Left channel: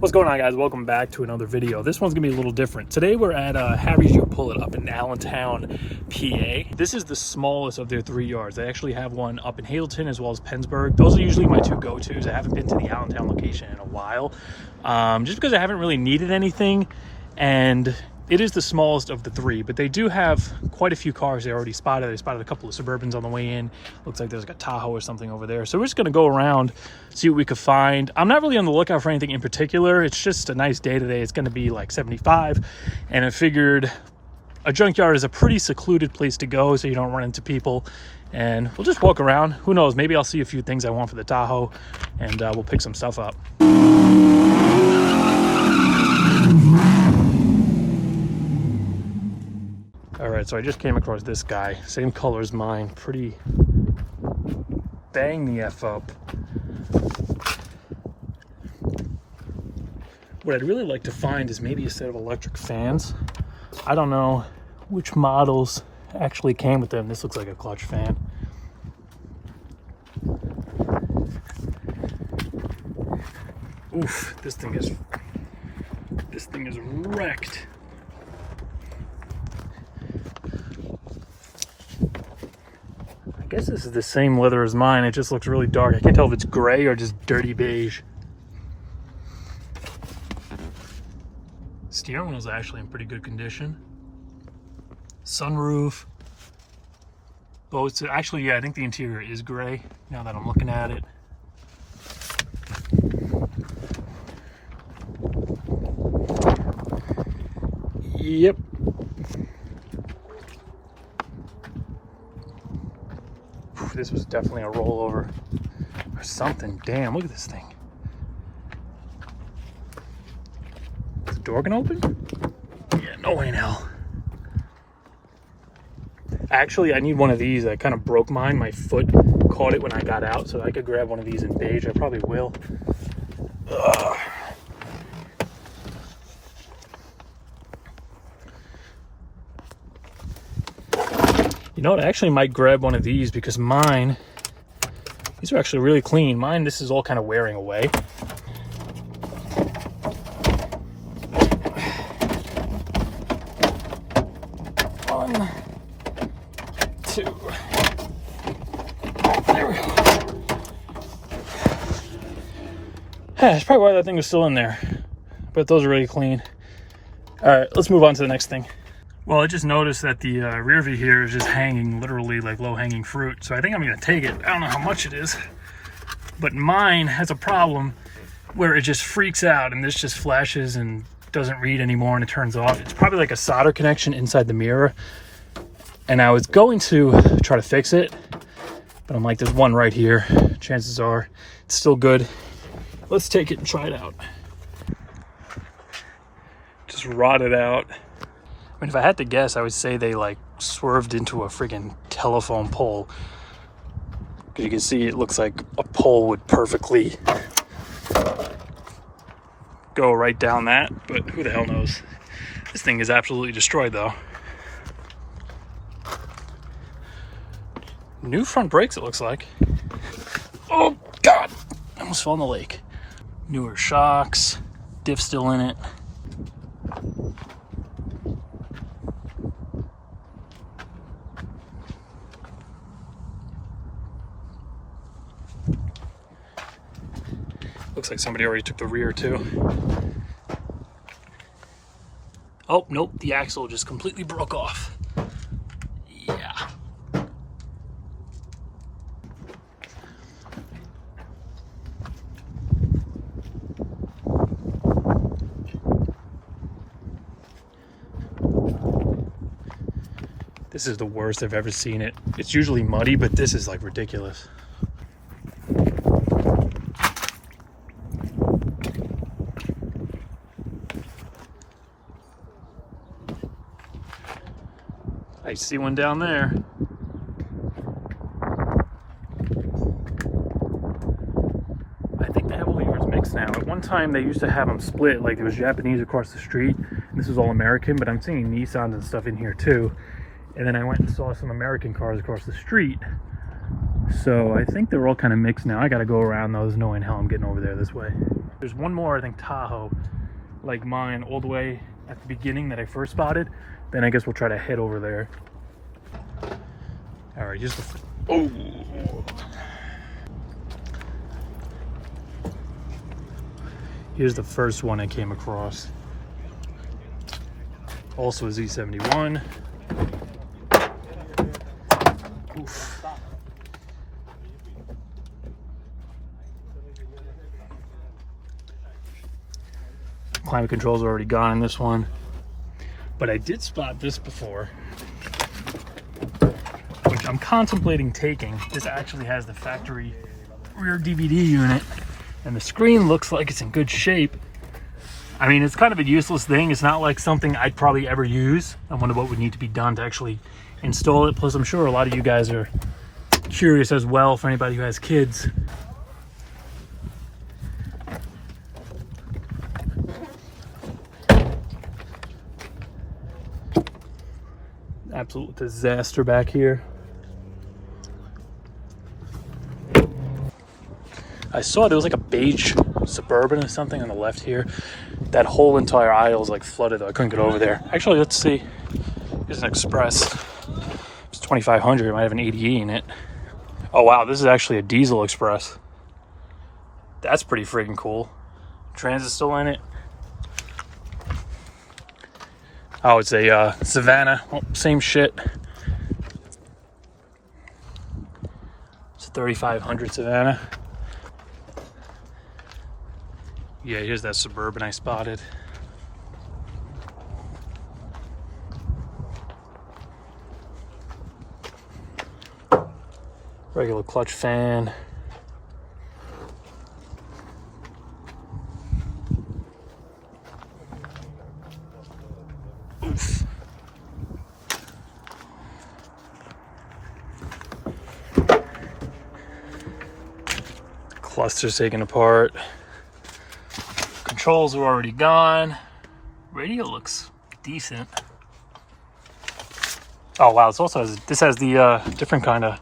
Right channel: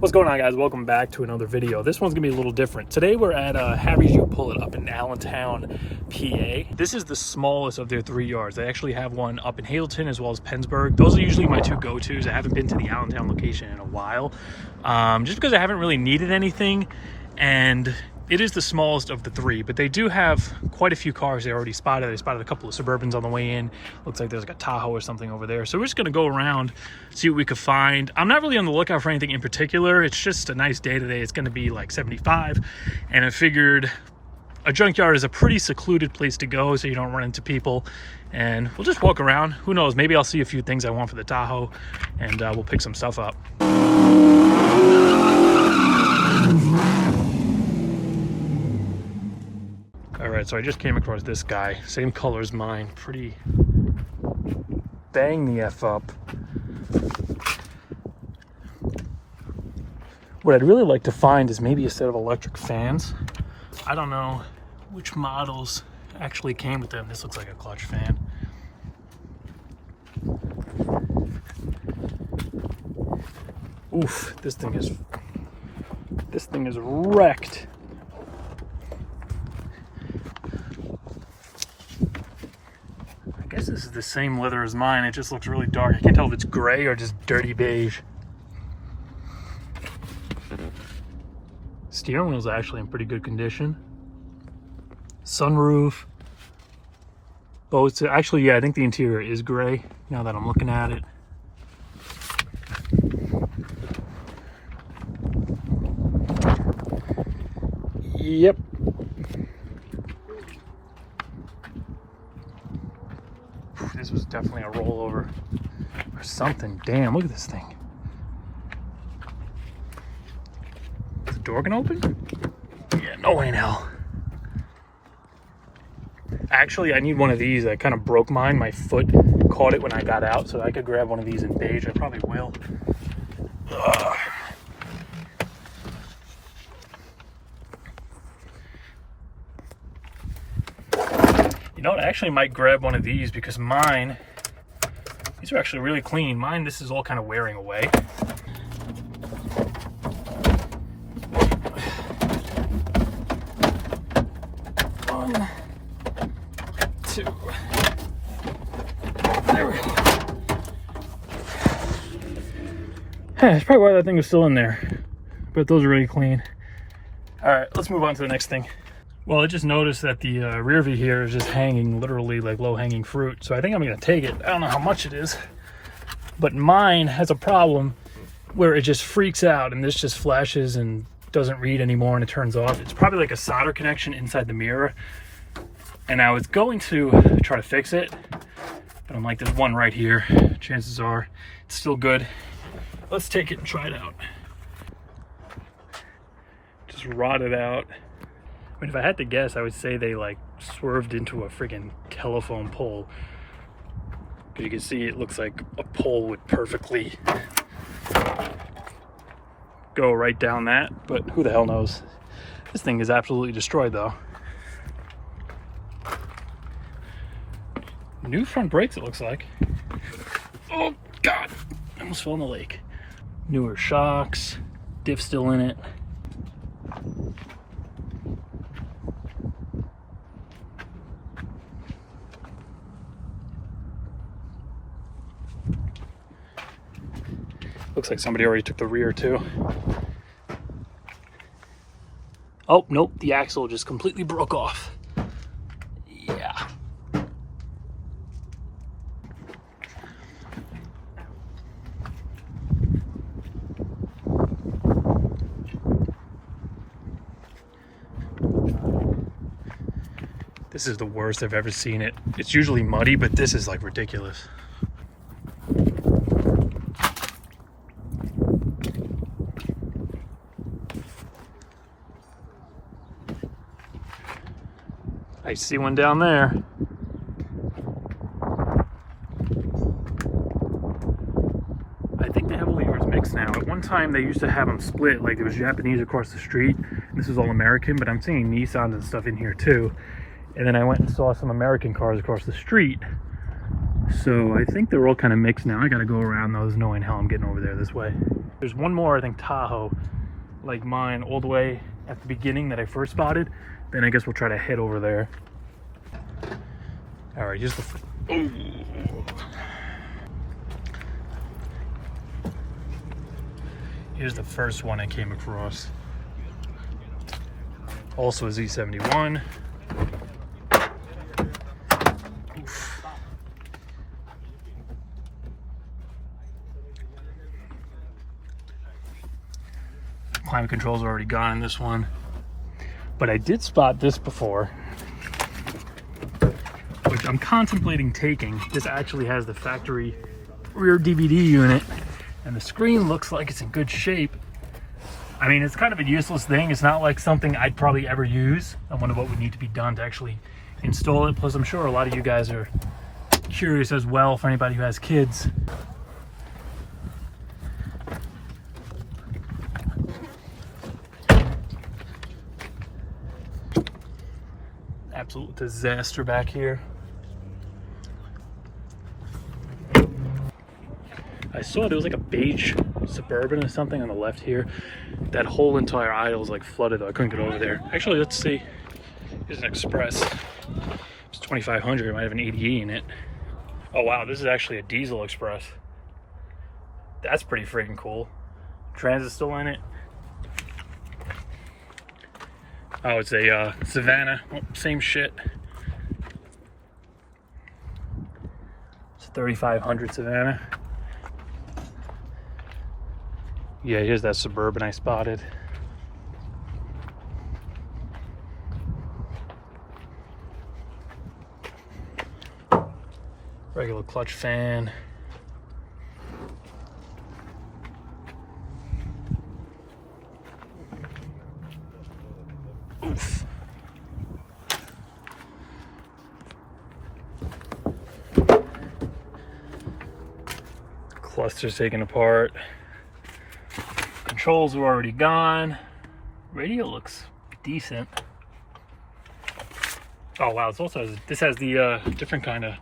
What's going on, guys? Welcome back to another video. This one's gonna be a little different. Today we're at Harry's You Pull It up in Allentown, PA. This is the smallest of their 3 yards. They actually have one up in Hazleton as well as Pennsburg. Those are usually my two go-tos. I haven't been to the Allentown location in a while, just because I haven't really needed anything, and it is the smallest of the three, but they do have quite a few cars they already spotted. They spotted a couple of Suburbans on the way in. Looks like there's like a Tahoe or something over there. So we're just gonna go around, see what we could find. I'm not really on the lookout for anything in particular. It's just a nice day today. It's gonna be like 75. And I figured a junkyard is a pretty secluded place to go so you don't run into people. And we'll just walk around. Who knows, maybe I'll see a few things I want for the Tahoe and we'll pick some stuff up. All right, so I just came across this guy, same color as mine, pretty bang the F up. What I'd really like to find is maybe a set of electric fans. I don't know which models actually came with them. This looks like a clutch fan. Oof, this thing is wrecked. I guess this is the same leather as mine. It just looks really dark. I can't tell if it's gray or just dirty beige. Steering wheel's actually in pretty good condition. Sunroof. Oh, it's actually, yeah, I think the interior is gray now that I'm looking at it. Yep. This was definitely a rollover or something. Damn, look at this thing. Is the door gonna open? Yeah, no way in hell. Actually, I need one of these. I kind of broke mine. My foot caught it when I got out, so I could grab one of these in beige. I probably will. Ugh. You know what, I actually might grab one of these because mine, these are actually really clean. Mine, this is all kind of wearing away. One, two, there we go. That's probably why that thing is still in there, but those are really clean. All right, let's move on to the next thing. Well, I just noticed that the rear view here is just hanging, literally like low-hanging fruit. So I think I'm gonna take it. I don't know how much it is, but mine has a problem where it just freaks out and this just flashes and doesn't read anymore and it turns off. It's probably like a solder connection inside the mirror. And I was going to try to fix it, but I'm like, there's one right here. Chances are it's still good. Let's take it and try it out. Just rotted out. I mean, if I had to guess, I would say they like swerved into a friggin' telephone pole. You can see it looks like a pole would perfectly go right down that, but who the hell knows? This thing is absolutely destroyed though. New front brakes, it looks like. Oh God, I almost fell in the lake. Newer shocks, diff still in it. Looks like somebody already took the rear too. Oh, nope, the axle just completely broke off. Yeah. This is the worst I've ever seen it. It's usually muddy, but this is like ridiculous. I see one down there. I think they have all yours mixed now. At one time they used to have them split, like there was Japanese across the street. This is all American, but I'm seeing Nissans and stuff in here too. And then I went and saw some American cars across the street. So I think they're all kind of mixed now. I gotta go around those knowing how I'm getting over there this way. There's one more, I think, Tahoe like mine all the way at the beginning that I first spotted. Then I guess we'll try to head over there. All right, here's the... Oh! Here's the first one I came across. Also a Z71. Oof. Climate controls are already gone in this one. But I did spot this before, which I'm contemplating taking. This actually has the factory rear DVD unit, and the screen looks like it's in good shape. I mean, it's kind of a useless thing. It's not like something I'd probably ever use. I wonder what would need to be done to actually install it. Plus, I'm sure a lot of you guys are curious as well, for anybody who has kids. Absolute disaster back here. I saw there was like a beige Suburban or something on the left here. That whole entire aisle is like flooded though. I couldn't get over there. Actually, let's see. Here's an Express. It's 2500. It might have an 80E in it. Oh wow, this is actually a diesel Express. That's pretty freaking cool. Transit's still in it. Oh, it's a Savannah. Oh, same shit. It's a 3500 Savannah. Yeah, here's that Suburban I spotted. Regular clutch fan. Oof. Cluster's taken apart. Controls are already gone. Radio looks decent. Oh wow, this also has, this has the different kind of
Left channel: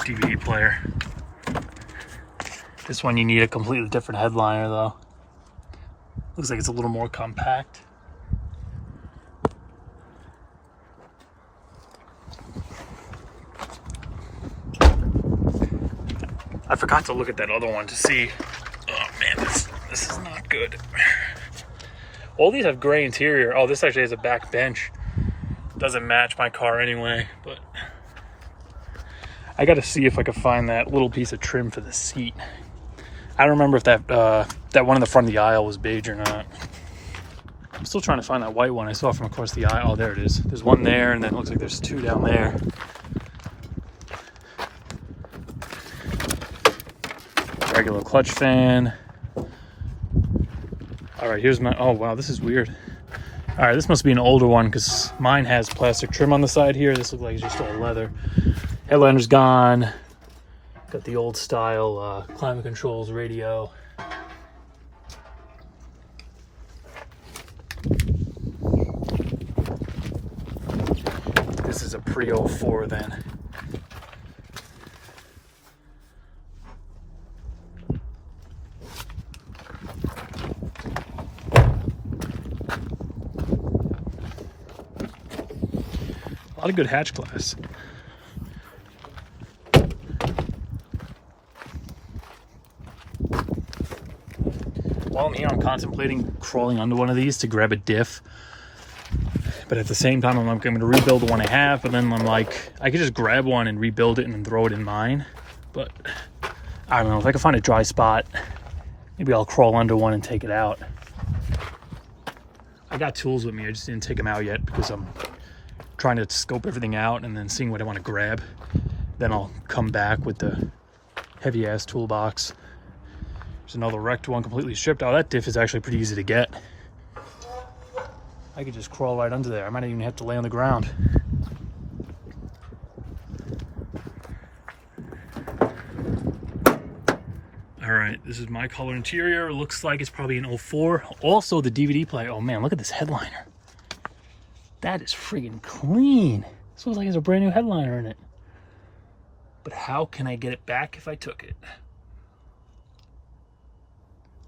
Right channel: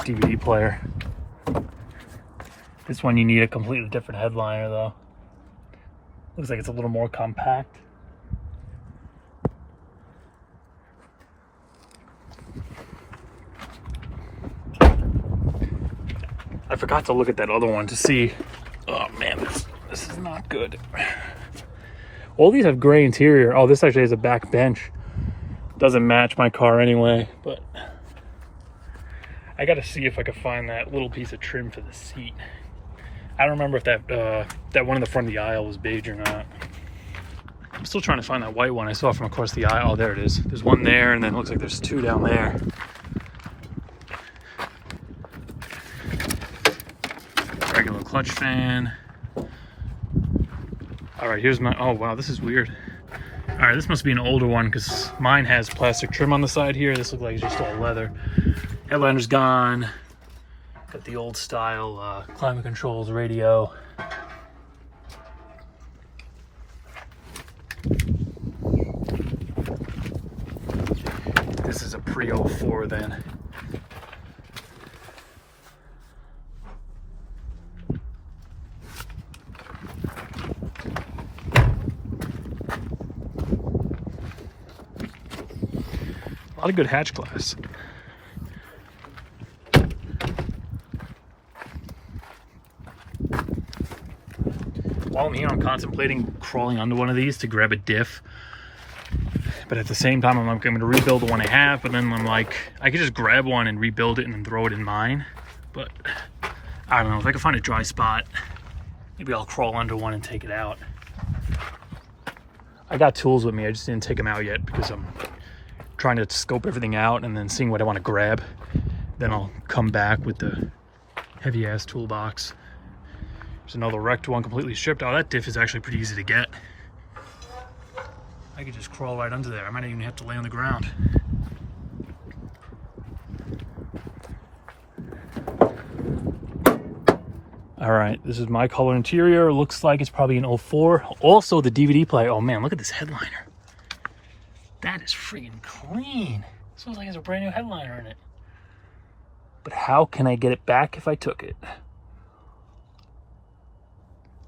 DVD player. This one you need a completely different headliner though. Looks like it's a little more compact. I forgot to look at that other one to see. Oh man, this is not good. All these have gray interior. Oh, this actually has a back bench. Doesn't match my car anyway, but I gotta see if I can find that little piece of trim for the seat. I don't remember if that that one in the front of the aisle was beige or not. I'm still trying to find that white one I saw from across the aisle. Oh, there it is. There's one there, and then it looks like there's two down there. Regular clutch fan. All right, here's my, oh wow, this is weird. All right, this must be an older one because mine has plastic trim on the side here. This looks like it's just all leather. Headliner's gone. Got the old style climate controls, radio. This is a pre-04 then. A lot of good hatch glass. While I'm here, I'm contemplating crawling under one of these to grab a diff. But at the same time, I'm going to rebuild the one I have. But then I'm like, I could just grab one and rebuild it and then throw it in mine. But I don't know, if I can find a dry spot, maybe I'll crawl under one and take it out. I got tools with me, I just didn't take them out yet because I'm trying to scope everything out and then seeing what I want to grab. Then I'll come back with the heavy ass toolbox. There's another wrecked one completely stripped. Oh, that diff is actually pretty easy to get. I could just crawl right under there. I might even have to lay on the ground. All right, this is my color interior. Looks like it's probably an 04. Also the DVD player. Oh man, look at this headliner. That is freaking clean. It smells like there's a brand new headliner in it. But how can I get it back if I took it?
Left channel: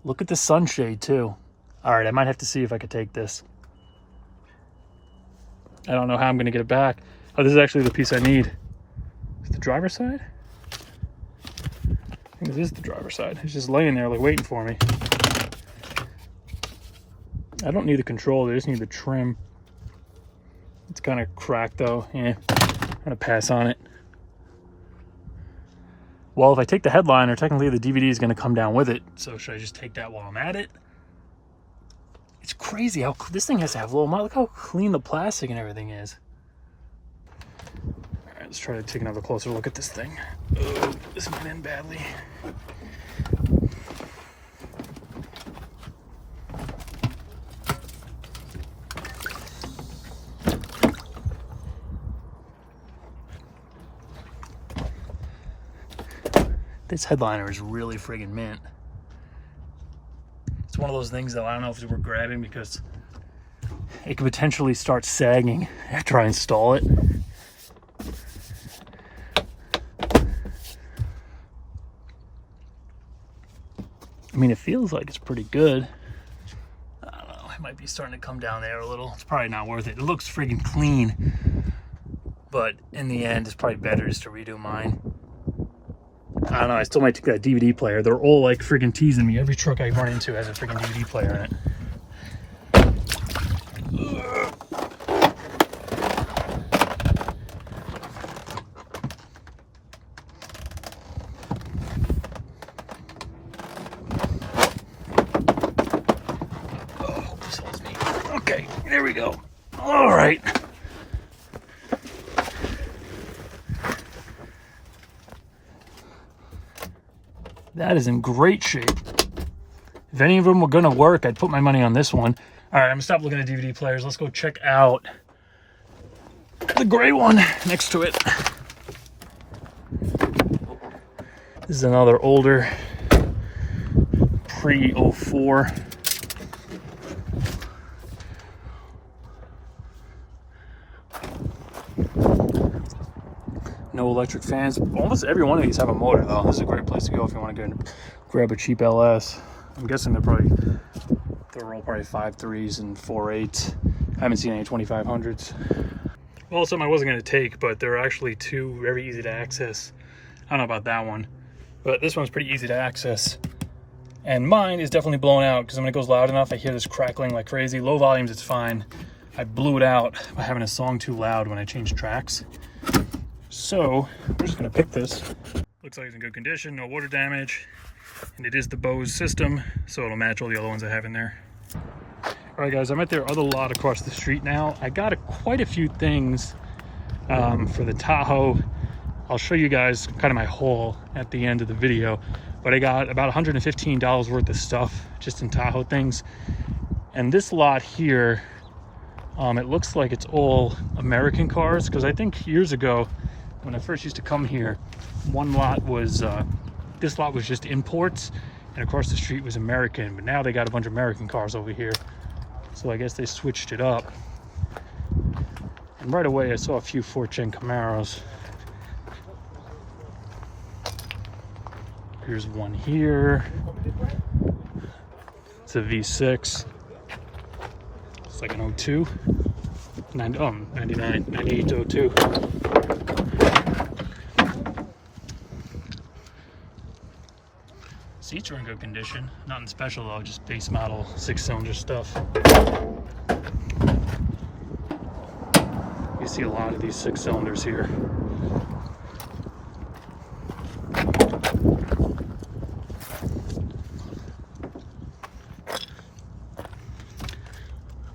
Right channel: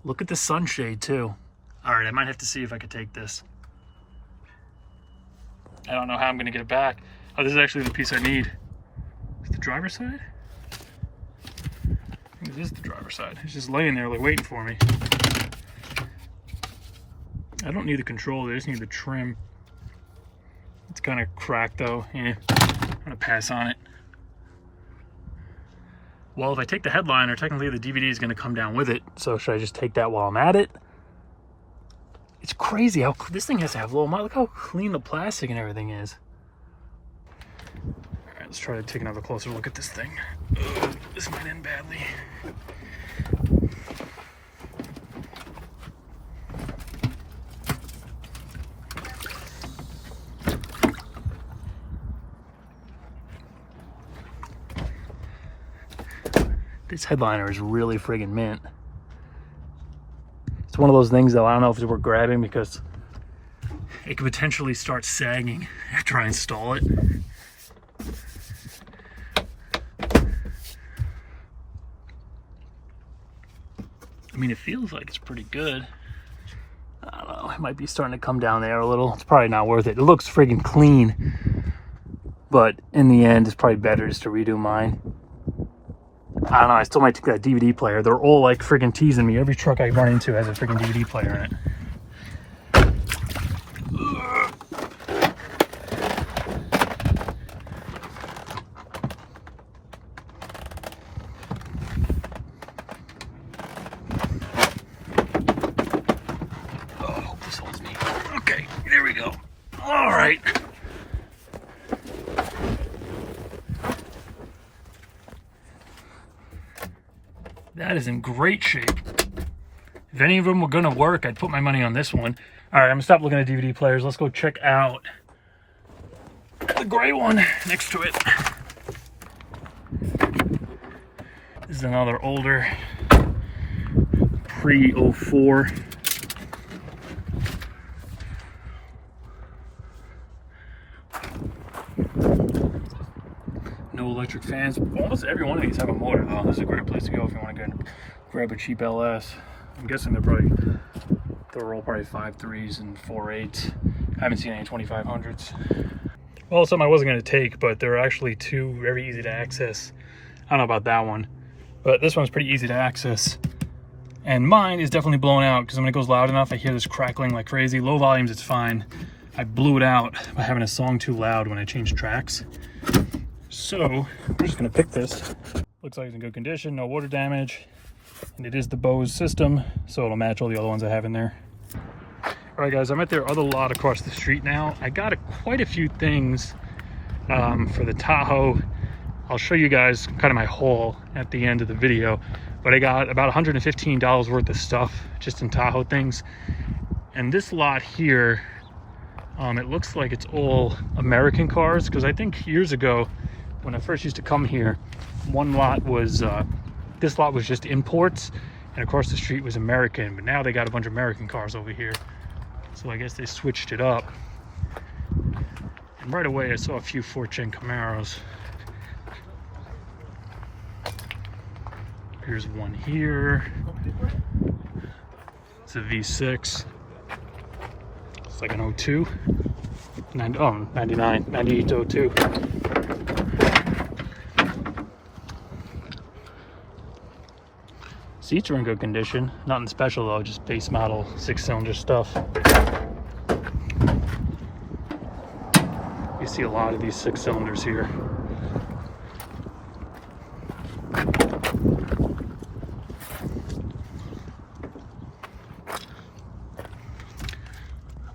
Look at the sunshade too. All right, I might have to see if I could take this. I don't know how I'm gonna get it back. Oh, this is actually the piece I need. Is the driver's side? I think this is the driver's side. It's just laying there like waiting for me. I don't need the controller, I just need the trim. It's kind of cracked though. Yeah, I'm gonna pass on it. Well, if I take the headliner, technically the DVD is gonna come down with it. So should I just take that while I'm at it? It's crazy how this thing has to have low mileage. Look how clean the plastic and everything is. All right, let's try to take another closer look at this thing. Oh, this went in badly. This headliner is really friggin' mint. It's one of those things though, I don't know if it's worth grabbing because it could potentially start sagging after I install it. I mean, it feels like it's pretty good. I don't know, it might be starting to come down there a little. It's probably not worth it. It looks friggin' clean, but in the end, it's probably better just to redo mine. I don't know, I still might take that DVD player. They're all like friggin' teasing me. Every truck I run into has a friggin' DVD player in it. Oh, this holds me. Okay, there we go. All right. That is in great shape. If any of them were gonna work, I'd put my money on this one. All right, I'm gonna stop looking at DVD players. Let's go check out the gray one next to it. This is another older pre-04. No electric fans. Almost every one of these have a motor though. This is a great place to go if you want to grab a cheap LS. I'm guessing they're all probably 5.3s and 4.8s. I haven't seen any 2500s. Well, something I wasn't going to take, but they're actually two very easy to access. I don't know about that one, but this one's pretty easy to access. And mine is definitely blown out because when it goes loud enough, I hear this crackling like crazy. Low volumes, it's fine. I blew it out by having a song too loud when I changed tracks. So I'm just gonna pick this. Looks like it's in good condition, no water damage, and it is the Bose system, so it'll match all the other ones I have in there. All right, guys, I'm at their other lot across the street now. I got quite a few things for the Tahoe. I'll show you guys kind of my haul at the end of the video, but I got about $115 worth of stuff just in Tahoe things. And this lot here, it looks like it's all American cars, because I think years ago, when I first used to come here, one lot was, this lot was just imports, and across the street was American, but now they got a bunch of American cars over here. So I guess they switched it up. And right away, I saw a few 4th-gen Camaros. Here's one here. It's a V6. It's like an 02. 99, 98 to 02. Seats are in good condition. Nothing special though, just base model 6-cylinder stuff. You see a lot of these 6-cylinders here.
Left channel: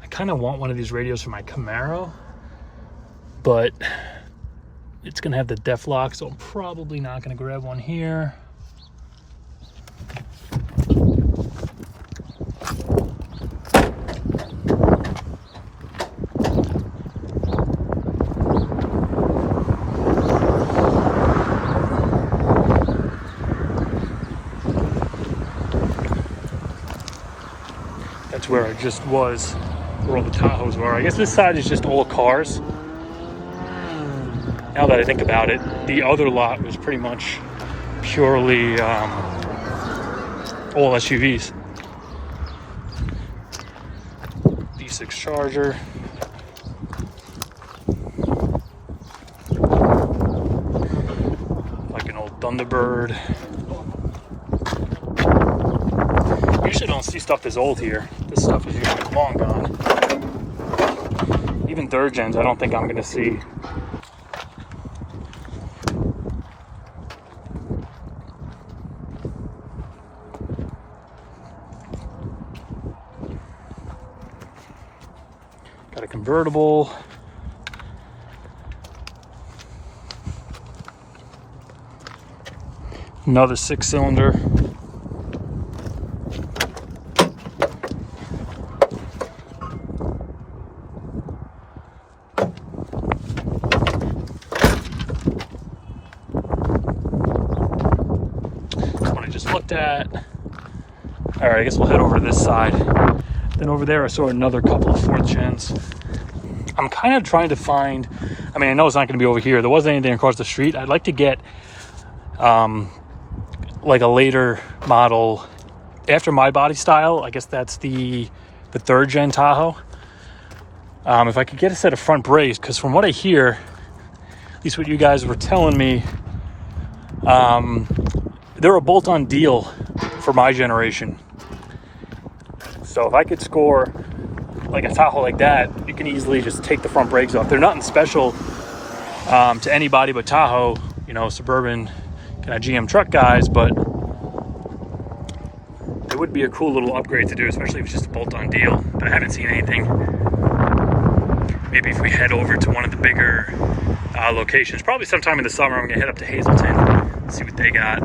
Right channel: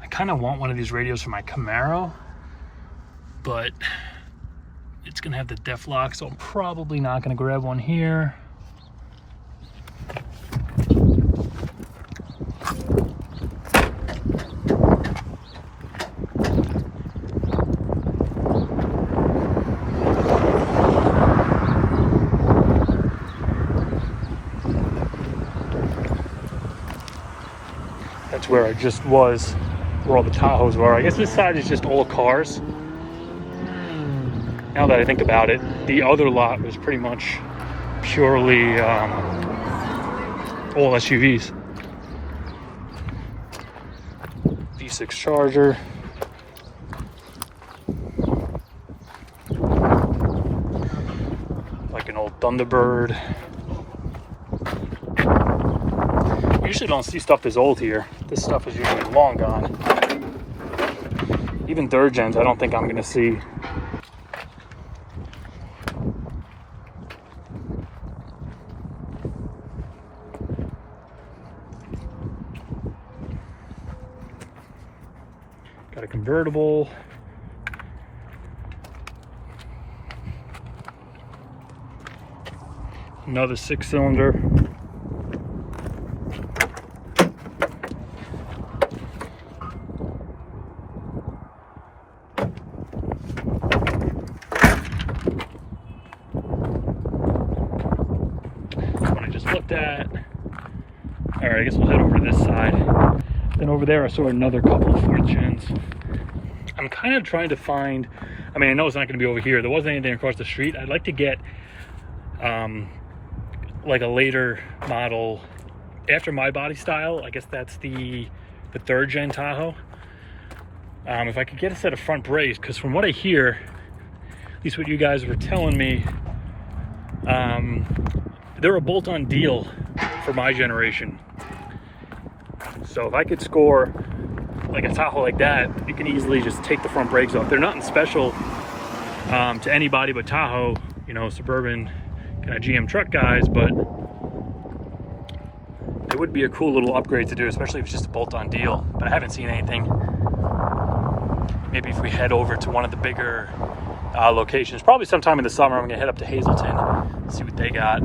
I kind of want one of these radios for my Camaro, but it's gonna have the def lock, so I'm probably not gonna grab one here. That's where I just was, where all the Tahoes were. I guess this side is just all cars. Now that I think about it, the other lot was pretty much purely all SUVs. V6 Charger. Like an old Thunderbird. Usually don't see stuff this old here. This stuff is usually long gone. Even third gens, I don't think I'm gonna see. Got a convertible. Another 6-cylinder. What I just looked at. All right, I guess we'll head over to this side. Then over there, I saw another couple of 4th gens. I'm kind of trying to find, I mean, I know it's not going to be over here. There wasn't anything across the street. I'd like to get like a later model after my body style. I guess that's the 3rd gen Tahoe. If I could get a set of front brakes, because from what I hear, at least what you guys were telling me, they're a bolt-on deal for my generation. So if I could score like a Tahoe like that, you can easily just take the front brakes off. They're nothing special to anybody but Tahoe, you know, suburban kind of GM truck guys, but it would be a cool little upgrade to do, especially if it's just a bolt-on deal. But I haven't seen anything. Maybe if we head over to one of the bigger locations, probably sometime in the summer, I'm gonna head up to Hazleton, see what they got.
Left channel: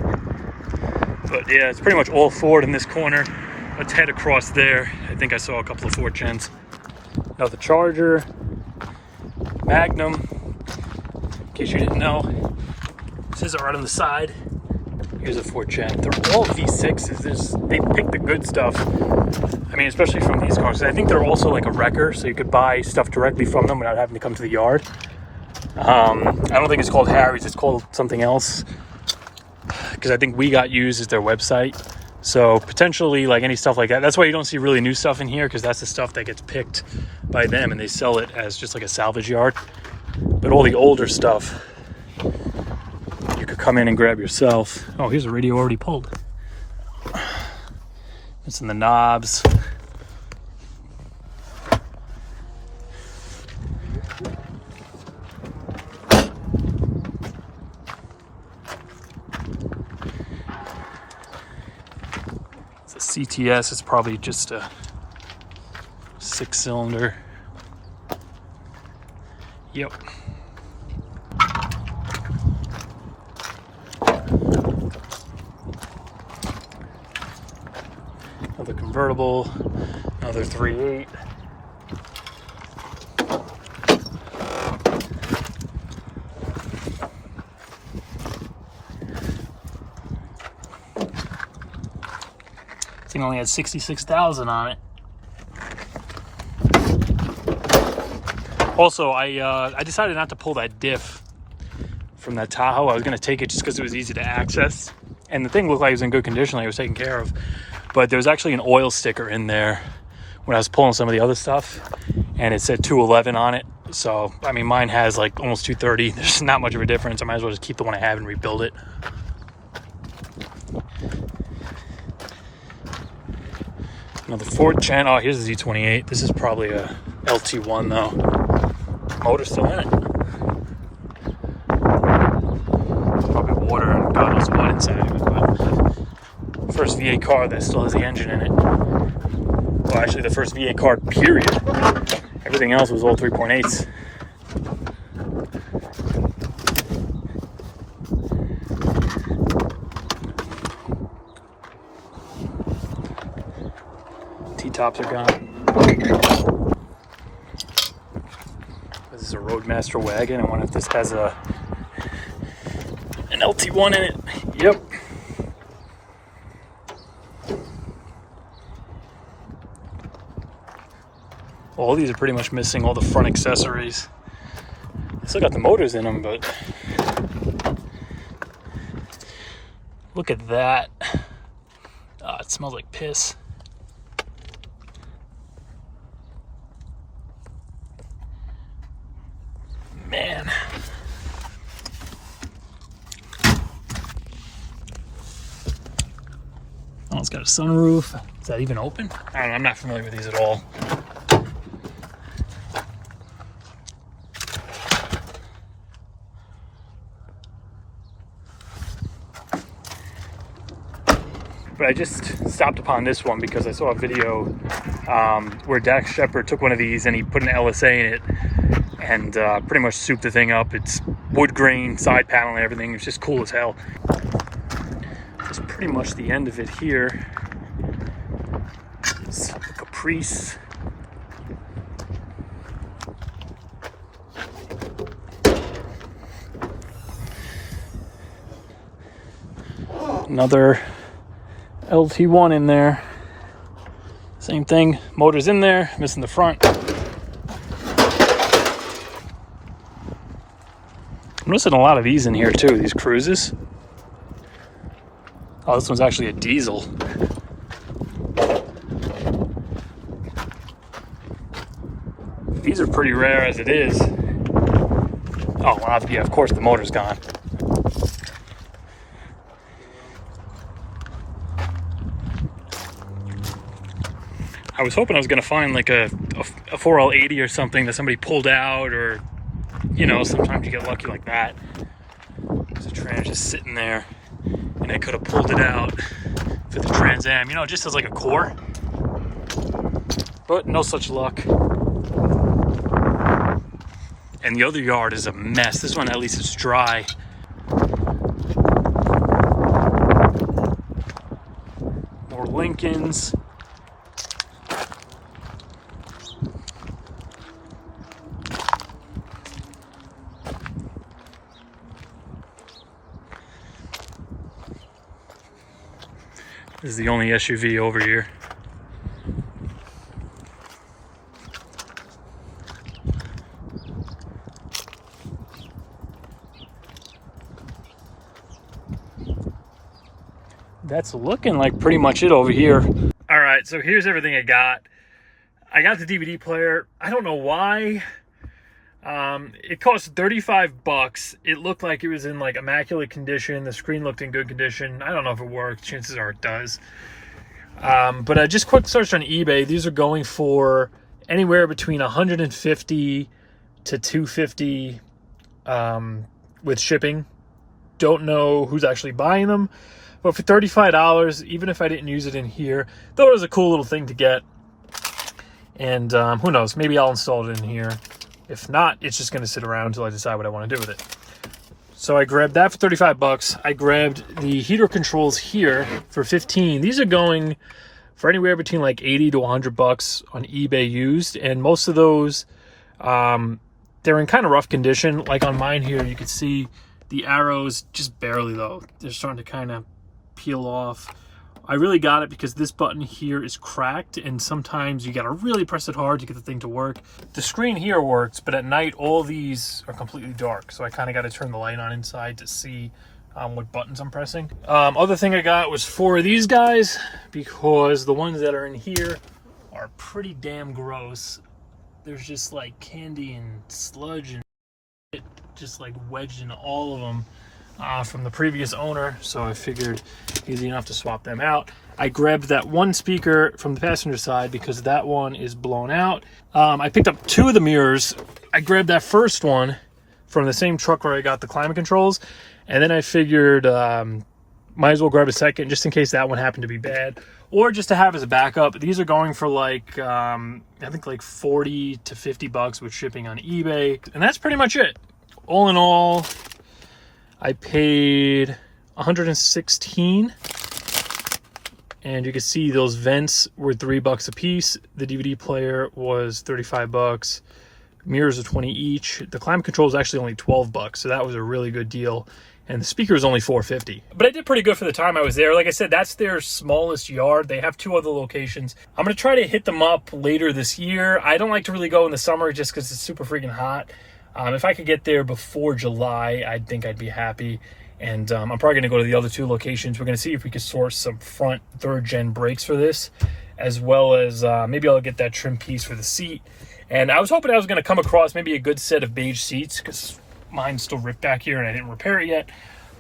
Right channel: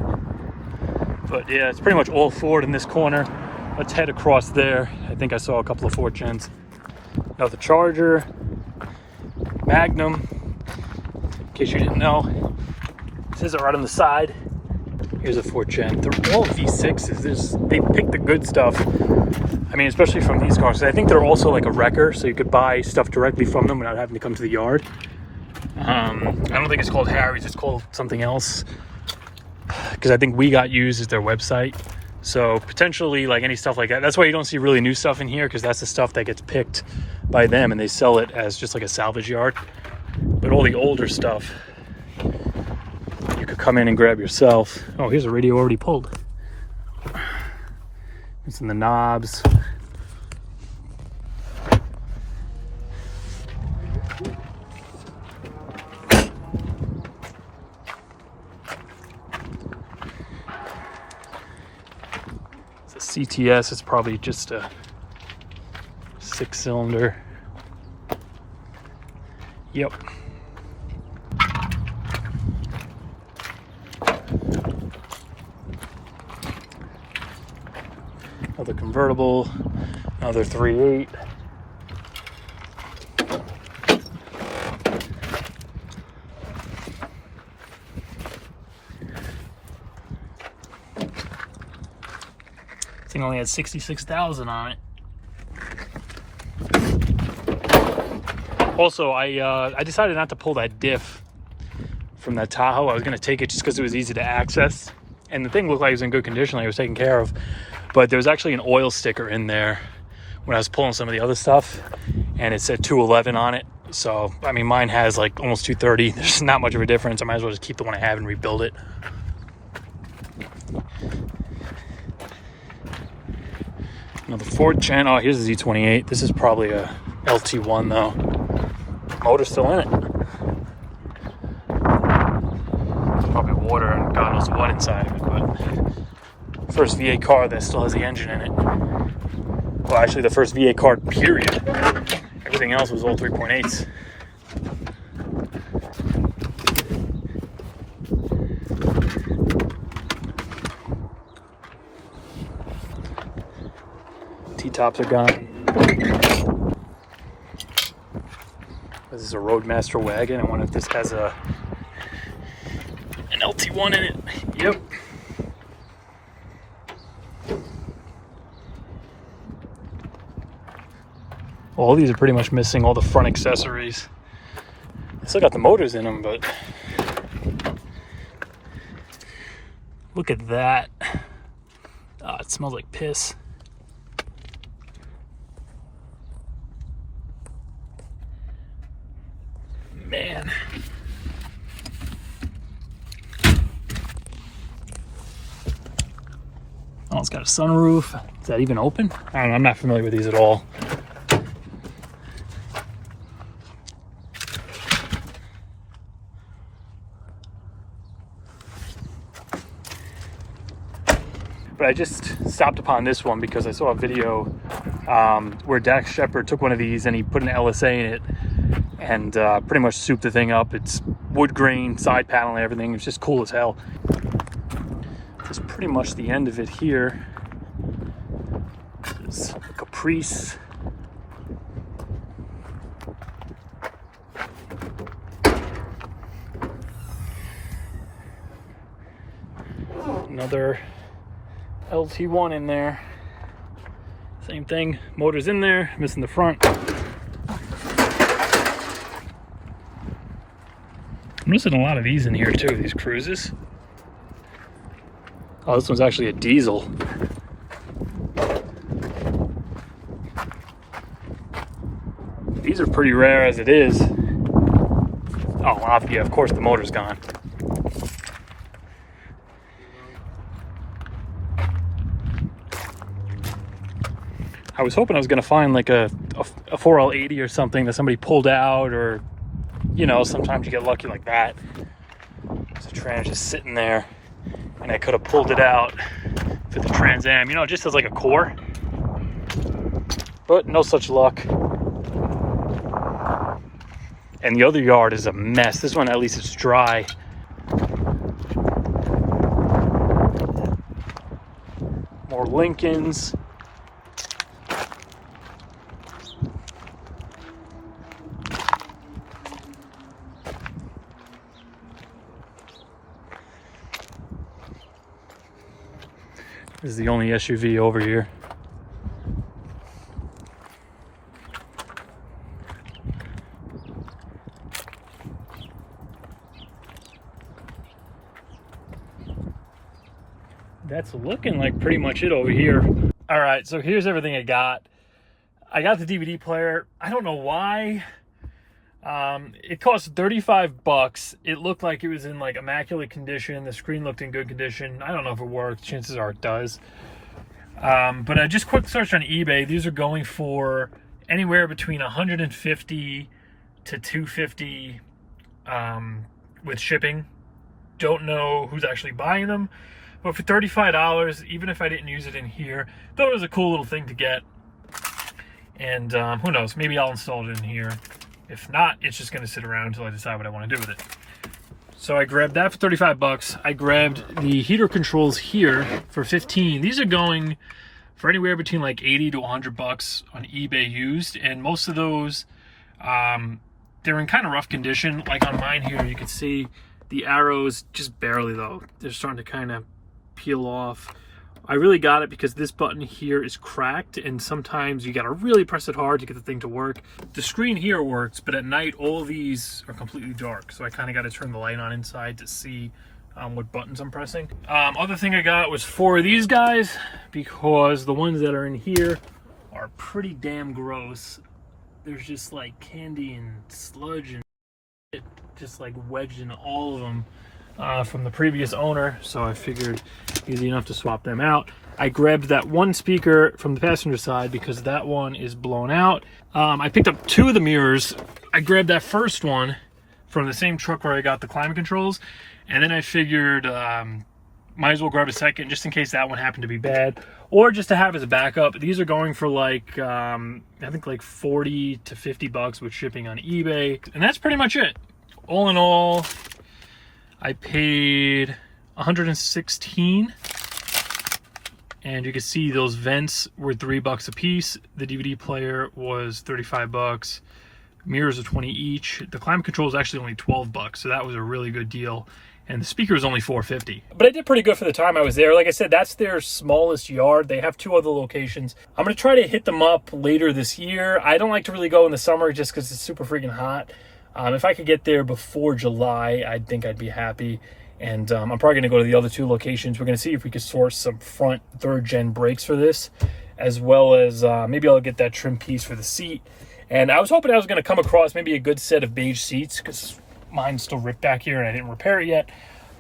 But yeah, it's pretty much all Ford in this corner. Let's head across there. I think I saw a couple of 4th gens. Now the Charger, Magnum, in case you didn't know, it says it right on the side. Here's a 4th gen. They're all V6s. They pick the good stuff. I mean, especially from these cars. I think they're also like a wrecker, so you could buy stuff directly from them without having to come to the yard. I don't think it's called Harry's. It's called something else. Because I think We Got Used is their website. So potentially like any stuff like that. That's why you don't see really new stuff in here, because that's the stuff that gets picked by them and they sell it as just like a salvage yard. But all the older stuff, you could come in and grab yourself. Oh, here's a radio already pulled. It's in the knobs. It's a CTS. It's probably just a 6-cylinder. Yep. Another convertible, another 3.8. This thing only had 66,000 on it. Also, I decided not to pull that diff from that Tahoe. I was going to take it just because it was easy to access. And the thing looked like it was in good condition, like it was taken care of. But there was actually an oil sticker in there when I was pulling some of the other stuff. And it said 211 on it. So, I mean, mine has like almost 230. There's not much of a difference. I might as well just keep the one I have and rebuild it. Another 4th gen. Oh, here's the Z28. This is probably a LT1 though. Motor's still in it. Probably water and God knows what inside of it, but first V8 car that still has the engine in it. Well, actually the first V8 car, period. Everything else was all 3.8s. T-tops are gone. This is a Roadmaster Wagon. I wonder if this has an LT1 in it. Yep. All these are pretty much missing all the front accessories. They still got the motors in them, but look at that. Oh, it smells like piss. it's got a sunroof. Is that even open? I'm not familiar with these at all. But I just stopped upon this one because I saw a video where Dax Shepard took one of these and he put an LSA in it and pretty much souped the thing up. It's wood grain, side panel and everything. It's just cool as hell. That's pretty much the end of it here. It's a Caprice. Another LT1 in there. Same thing, motor's in there, missing the front. I'm missing a lot of these in here too, these cruises. Oh, this one's actually a diesel. These are pretty rare as it is. Oh, well, yeah, of course the motor's gone. I was hoping I was going to find like a 4L80 or something that somebody pulled out, or, you know, sometimes you get lucky like that. There's a trans just sitting there, and I could have pulled it out for the Trans Am, you know, just as like a core. But no such luck. And the other yard is a mess. This one, at least, it's dry. More Lincolns. This is the only SUV over here. That's looking like pretty much it over here. All right, so here's everything I got. I got the DVD player. I don't know why. It cost 35 bucks. It looked like it was in like immaculate condition. The screen looked in good condition. I don't know if it worked. Chances are it does. But I just quick searched on eBay. These are going for anywhere between 150 to 250 with shipping. Don't know who's actually buying them. But for $35, even if I didn't use it in here, thought it was a cool little thing to get. And who knows, maybe I'll install it in here. If not, it's just gonna sit around until I decide what I wanna do with it. So I grabbed that for 35 bucks. I grabbed the heater controls here for 15. These are going for anywhere between like 80 to 100 bucks on eBay used. And most of those, they're in kind of rough condition. Like on mine here, you can see the arrows, just barely though. They're starting to kind of peel off. I really got it because this button here is cracked, and sometimes you gotta really press it hard to get the thing to work. The screen here works, but at night all these are completely dark, so I kind of got to turn the light on inside to see what buttons I'm pressing. Other thing I got was 4 of these guys, because the ones that are in here are pretty damn gross. There's just like candy and sludge and shit just like wedged in all of them. From the previous owner, so I figured easy enough to swap them out. I grabbed that one speaker from the passenger side because that one is blown out. I picked up 2 of the mirrors. I grabbed that first one from the same truck where I got the climate controls, and then I figured might as well grab a second just in case that one happened to be bad, or just to have as a backup. These are going for like I think like 40 to 50 bucks with shipping on eBay, and that's pretty much it. All in all, I paid 116, and you can see those vents were 3 bucks a piece. The DVD player was 35 bucks. Mirrors are 20 each. The climate control is actually only 12 bucks, so that was a really good deal. And the speaker is only 450. But I did pretty good for the time I was there. Like I said, that's their smallest yard. They have 2 other locations. I'm gonna try to hit them up later this year. I don't like to really go in the summer just because it's super freaking hot. If I could get there before July, I think I'd be happy. And I'm probably going to go to the other 2 locations. We're going to see if we could source some front 3rd gen brakes for this, as well as maybe I'll get that trim piece for the seat. And I was hoping I was going to come across maybe a good set of beige seats, because mine's still ripped back here and I didn't repair it yet.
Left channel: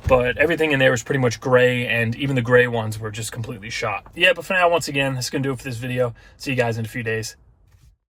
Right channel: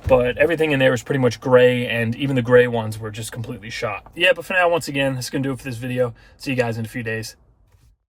but everything in there was pretty much gray, and even the gray ones were just completely shot. Yeah, but for now, once again, that's gonna do it for this video. See you guys in a few days.